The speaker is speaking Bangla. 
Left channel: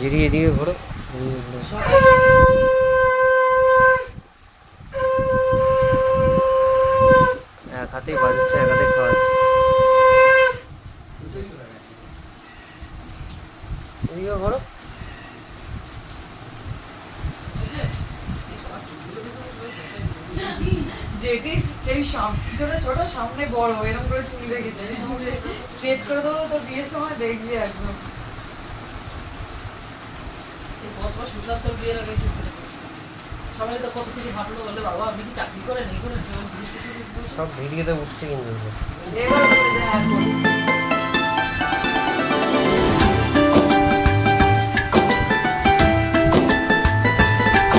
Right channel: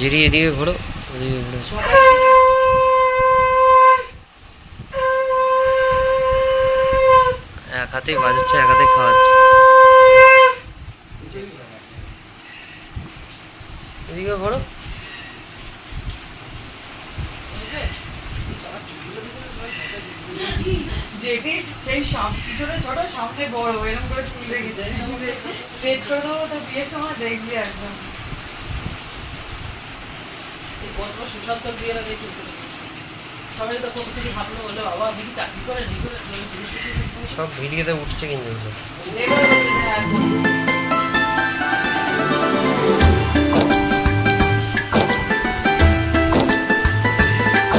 জিরি এদিকে ঘোরো, এদিকে ঘোরো। এক হাতেই বাজাচ্ছে, এক হাতে খাওয়াচ্ছে। এদিকে ঘোরো। যেটি সেই পিছনে ছোট সামনে বড় এরকম করে চুল রেখেছে, সেট করে দেবো তো বিয়ের সময় দেখবি একদম। সুশান্ত বিয়ের আগে সবাই তো কত কিছু ভাবলো, বলে বাবা দিদি চাকরি করে সব ভিডিওতে উঠছে কিন্তু। এবার